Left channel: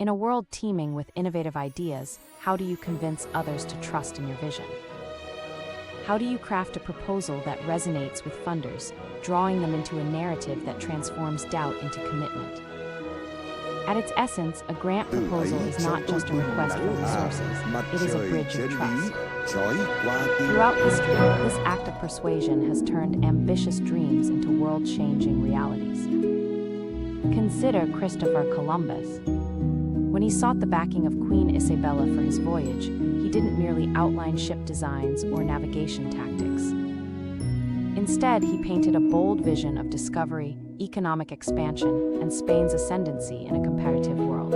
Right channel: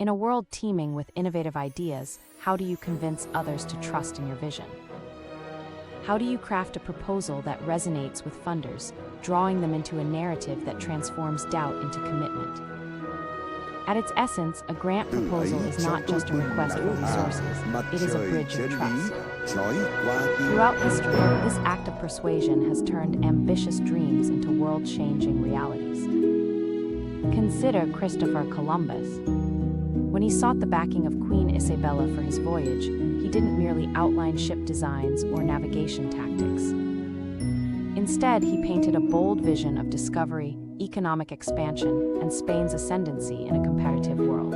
In a world teeming with innovative ideas, how do you convince others to trust in your vision? How do you craft a proposal that resonates with funders, drawing them into a narrative that transforms doubt into commitment? At its essence, a grant proposal is not just a request for resources, it is a bridge of trust. Throughout history, this act of persuasion has turned ambitious dreams into world-changing realities. Consider Christopher Columbus. When he sought the backing of Queen Isabella for his voyage, he didn't merely outline ship designs or navigation tactics. Instead, he painted a bold vision of discovery, economic expansion, and Spain's ascendancy in a competitive world.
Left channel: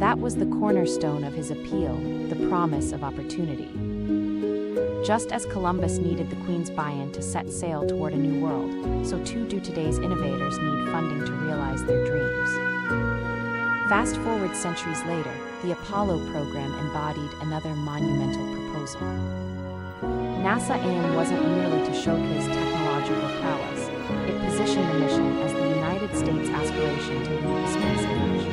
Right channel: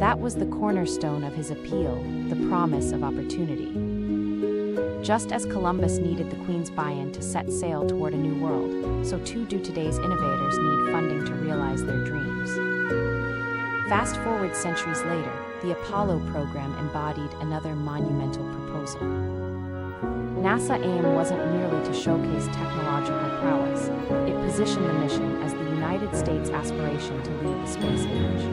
That was the cornerstone of his appeal, the promise of opportunity. Just as Columbus needed the Queen's buy-in to set sail toward a new world, so too do today's innovators need funding to realize their dreams. Fast forward centuries later, the Apollo program embodied another monumental proposal. NASA's aim wasn't merely to showcase technological prowess, it positioned the mission as the United States' aspiration to lead the space age.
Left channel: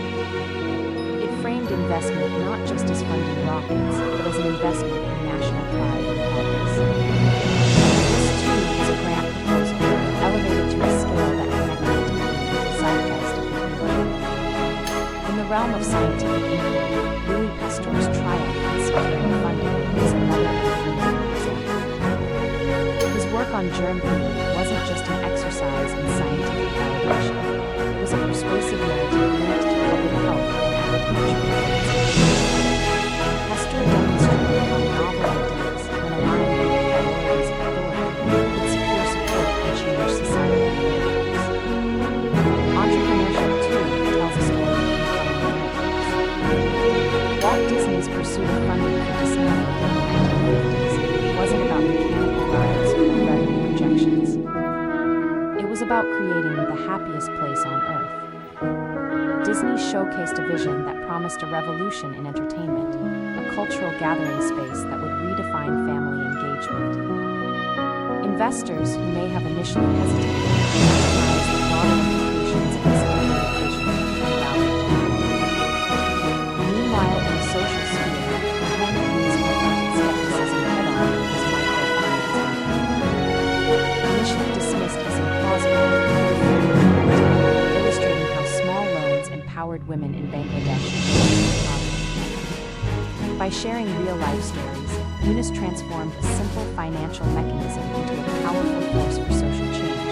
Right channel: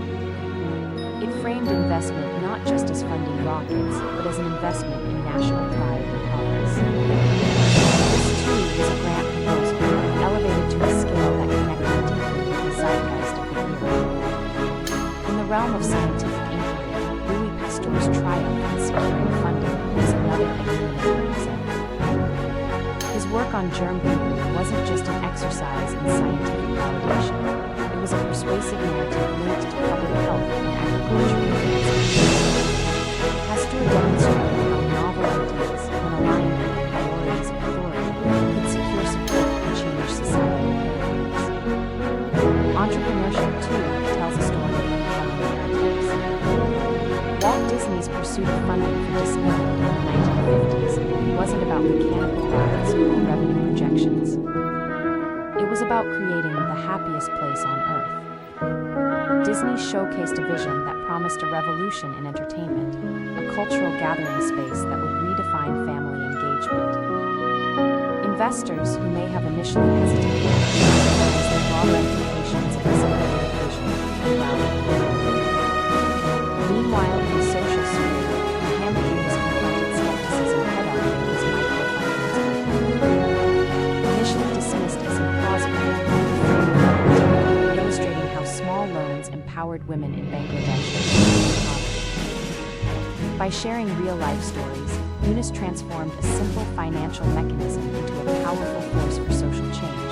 It framed investment not just as funding rockets, but as an investment in national pride and progress. This too was a grant proposal, elevated to a scale that connected deeply with the zeitgeist of the era. In the realm of scientific inquiry, Louis Pasteur's triumph in securing funding is another illuminating example. His work on germ theory wasn't just an exercise in scientific validation. It was a persuasive narrative linked to public health and agricultural advances. Pasteur demonstrated how novel ideas, when aligned with the priorities of authority, could secure support and change societal paradigms. Entrepreneurship, too, tells a story of compelling narratives. Walt Disney's pursuit of funding for Disneyland in the 1950s wasn't about mechanical rides or revenue projections. It was about creating the happiest place on Earth. Disney showcased a vision that promised a revolution in entertainment, a cultural gathering space that would redefine family engagement. Investors who may have initially hesitated recognized the broader implications of this innovative vision and rallied behind it. Meanwhile, in the social sphere, Mohammed Yunus confronted skepticism head-on with his microfinance movement. Initially dismissed as implausible, he reframed the narrative, illustrating how small loans empowered women in Bangladesh to break poverty. By sharing real-life stories, Yunus transformed a simple financial mechanism into a powerful force for social change,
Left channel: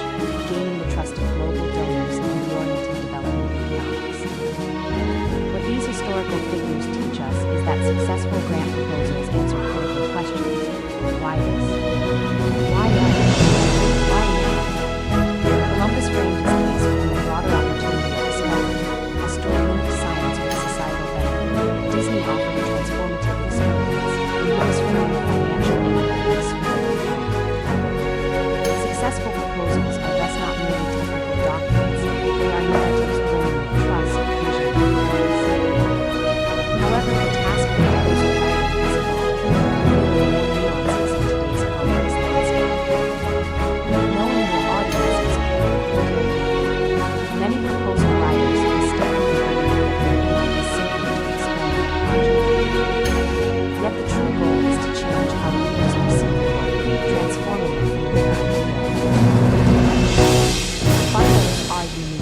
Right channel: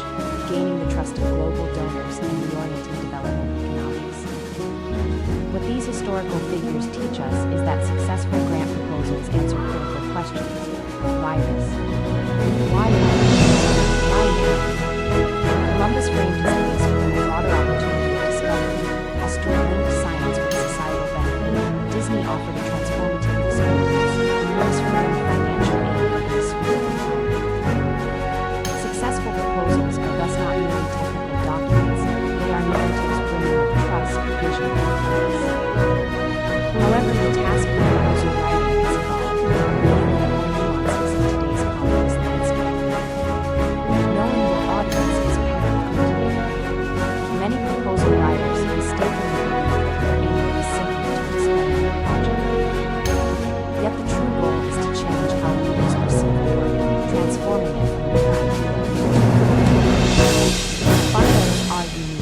gaining the trust of global donors and reorienting development economics. What these historical figures teach us is that successful grant proposals answer critical questions. Why this? Why now? Why now? Columbus framed his case within the broader opportunity of discovery. Pasteur linked science with societal benefit. Disney offered a transformative experience, and Yunus framed financial aid within the sphere of development. Successful proposals are thus not merely technical documents, they are narratives brimming with trust, vision, and purpose. However, the task of proposal writing has evolved, revealing more nuances in today's complex landscape. Knowing your audience is paramount. Many proposal writers mistakenly believe that their aim is simply to explain their project. Yet the true goal is to change how readers perceive the work, transforming it from a mere idea into a reality. Funders are unique.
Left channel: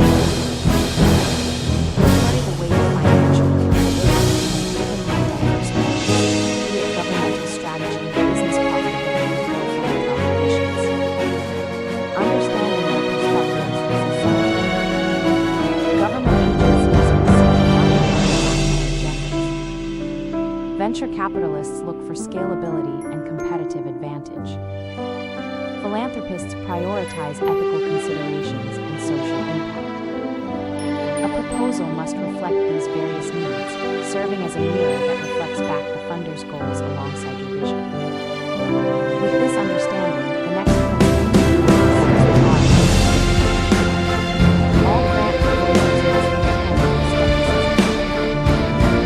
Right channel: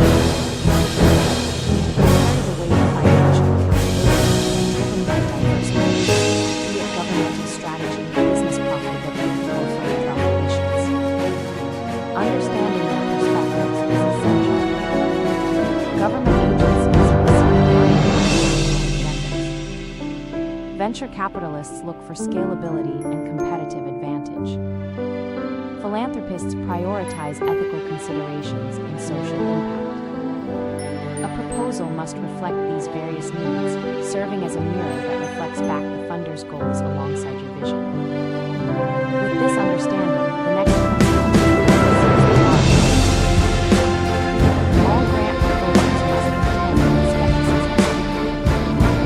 They carry the weight of financial accountability and are driven by diverse motives, be it governmental strategy, business profitability, or philanthropic missions. Understanding their perspectives is essential. Government agencies receive alignment with national agendas. Venture capitalists look for scalability and competitive advantage. Philanthropists prioritize ethical considerations and social impact. A proposal must reflect these various needs, serving as a mirror that reflects back the funder's goals alongside your vision. With this understanding, the next principle is the art. All grant proposals must contend with skepticism.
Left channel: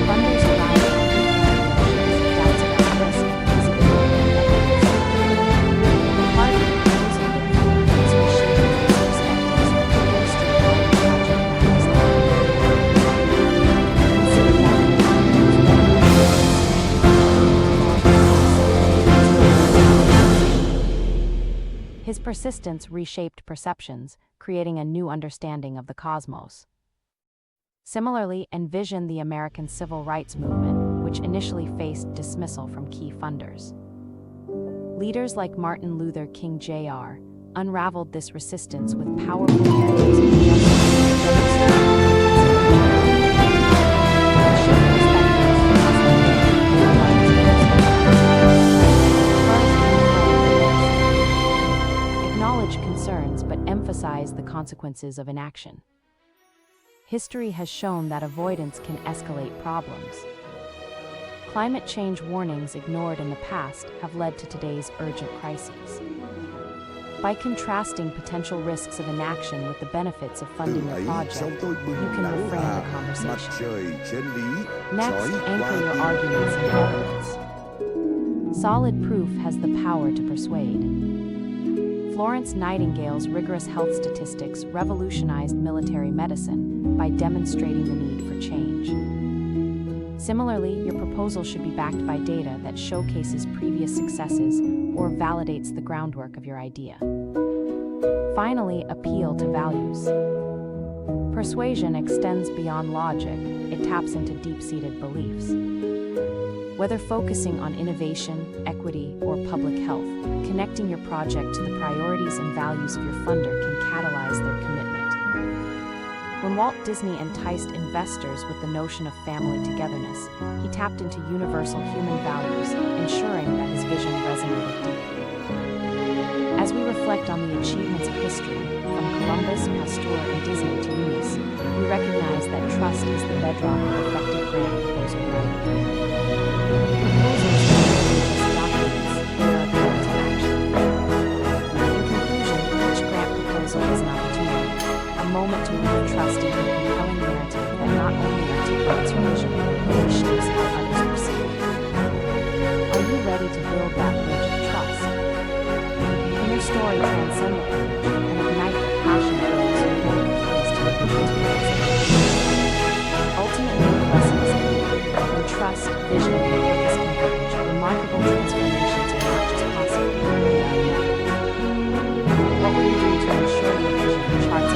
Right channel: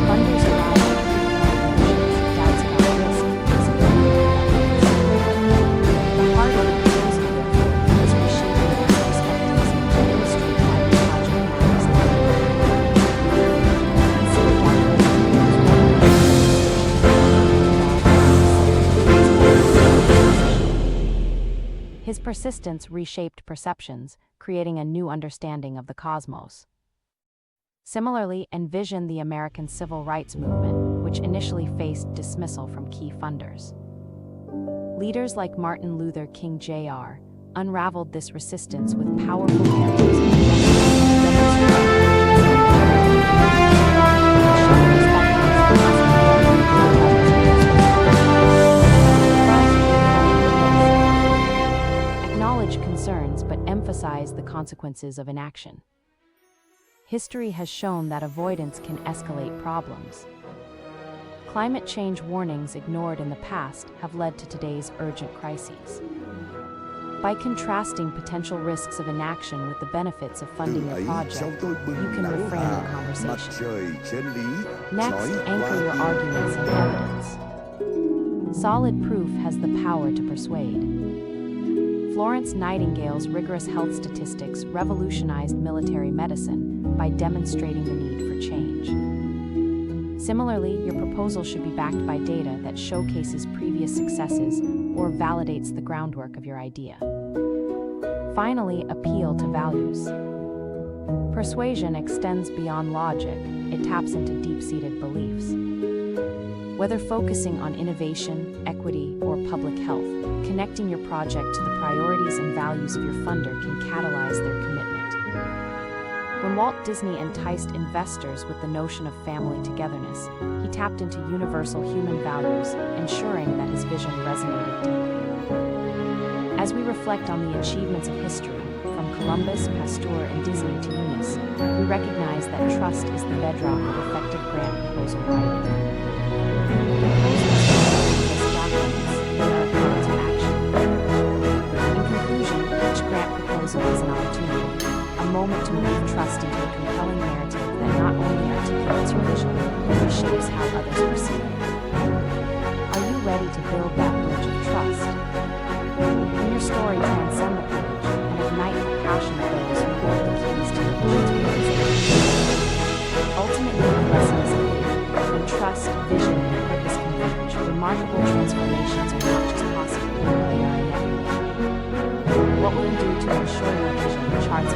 Funders arrive at preformed notions, doubts about risk, feasibility, and ethics. The heart of the proposal, therefore, is reshaping these perspectives to illustrate why your project matters now. His persistence reshaped perceptions, creating a new understanding of the cosmos. Similarly, envision the American civil rights movement, which initially faced dismissal from key funders. Leaders like Martin Luther King Jr. unraveled this resistance with powerful narratives of justice, demonstrating the urgency of change. Shift perspectives from hospitality to others with First, reframe the risk. Acknowledge concerns but emphasize the consequences of inaction. History has shown that avoidance can escalate problems. Climate change warnings ignored in the past have led to today's urgent crises. By contrasting potential risks of inaction with the benefits of funding your project, you can reframe the conversation. Next, anchor your arguments in evidence. Solid proof has the power to persuade. Florence Nightingale's rigorous health statistics revolutionized military medicine by demonstrating the need for change. Similarly, your proposal should be backed by data that showcases previous successes or validates the groundwork of your idea. Finally, appeal to values. Persuasion extends beyond logic, it taps into deep-seated beliefs. Whether focusing on innovation, equity, or public health, connecting your project to the priorities and values of your funder can catalyze their commitment. When Walt Disney enticed investors with the notion of family togetherness, he tapped into universal human values, ensuring that his vision resonated deeply. As we reflect on the achievements of history, from Columbus, Pasteur, and Disney to Eunice, we recognize that trust is the bedrock of effective grant proposal writing. Proposals are more than just documents, they are a call to action. In conclusion, each grant proposal is an opportunity, a moment to move trust into a compelling narrative that not only articulates your vision, but reshapes how others perceive it. Are you ready to build that bridge of trust? Can your story transcend the page and ignite the passion of those who hold the keys to your vision's realization? Ultimately, the lesson is clear. When trust, vision, and purpose converge, remarkable transformations are not just possible, they are inevitable. What will you do to ensure your vision charts a